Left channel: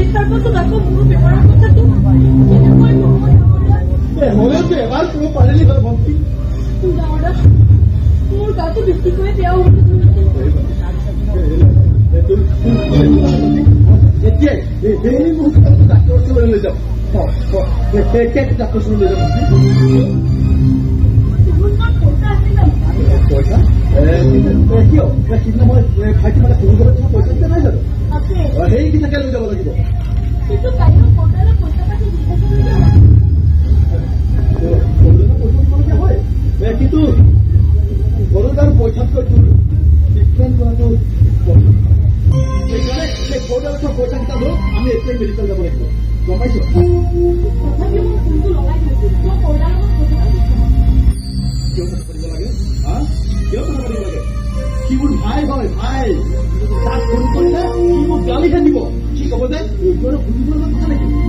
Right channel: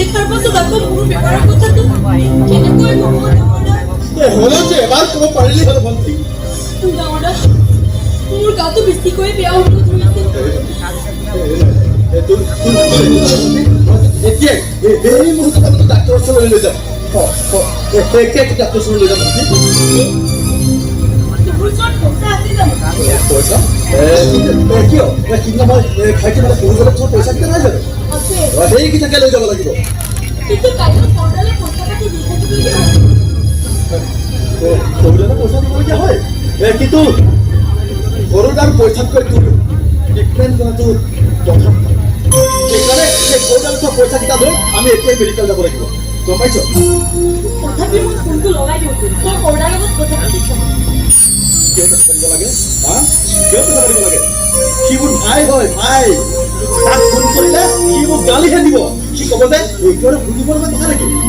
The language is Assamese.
দেখাৰ পাছত আকৌ মোৰ বেমাৰৰ কথাটো কেনেকৈ ক'ব ডাঙৰা? হ'লেও যে এবাৰ ক'ব পাৰিলি হ'ল ভণ্টি। ডাঙৰা, মোৰ গাটো বেছিকৈ বেয়া হ'ব ধৰিছে। এতিয়া এই মুহূৰ্তত ডাক্তৰৰ ওচৰলৈ লৈ যাম। এতিয়া ডাক্তৰৰ ওচৰলৈ লৈ যাম ভণ্টি। মোৰ ওচৰত পইচা আছে জানো? পইচা কিয় সিদিনা মই খাইছে মানে বহুজনৰ ওচৰত পইচা কেইটা নাই জানো? আছে, সেইকেইটাকে লৈ যাব লাগিব। কিন্তু কাইলৈ সৰদালে পইচা পাতি দি থাকিবলগীয়া হয়। সৰুদানে পইচা দিবলগীয়া হয়, কিন্তু সৰুদাৰ পইচাতকৈ তোৰ ট্ৰিটমেণ্ট কৰাটো প্ৰথম। সেইকাৰণে সেই সৰুদাৰ উঠোৱা পইচাকেইটা লৈ আমি এতিয়াই মেডিকেল যাব লাগিব, গম পাইছ? তথাপি মই ফোনটো লগাই দিওঁ, তই সৰদাৰ লগত কথা পাতি চাওঁ। কিয় কথা পাতিব লাগে? কিয় কথা পাতিব লাগে? সি মোৰ ভাই হয়, ভাই। তাক ফোন কৰিলে সি মোক গালিহে দিব। সি ক'ব যে এইটো আৰু শুনিবৰ কথা নেকি?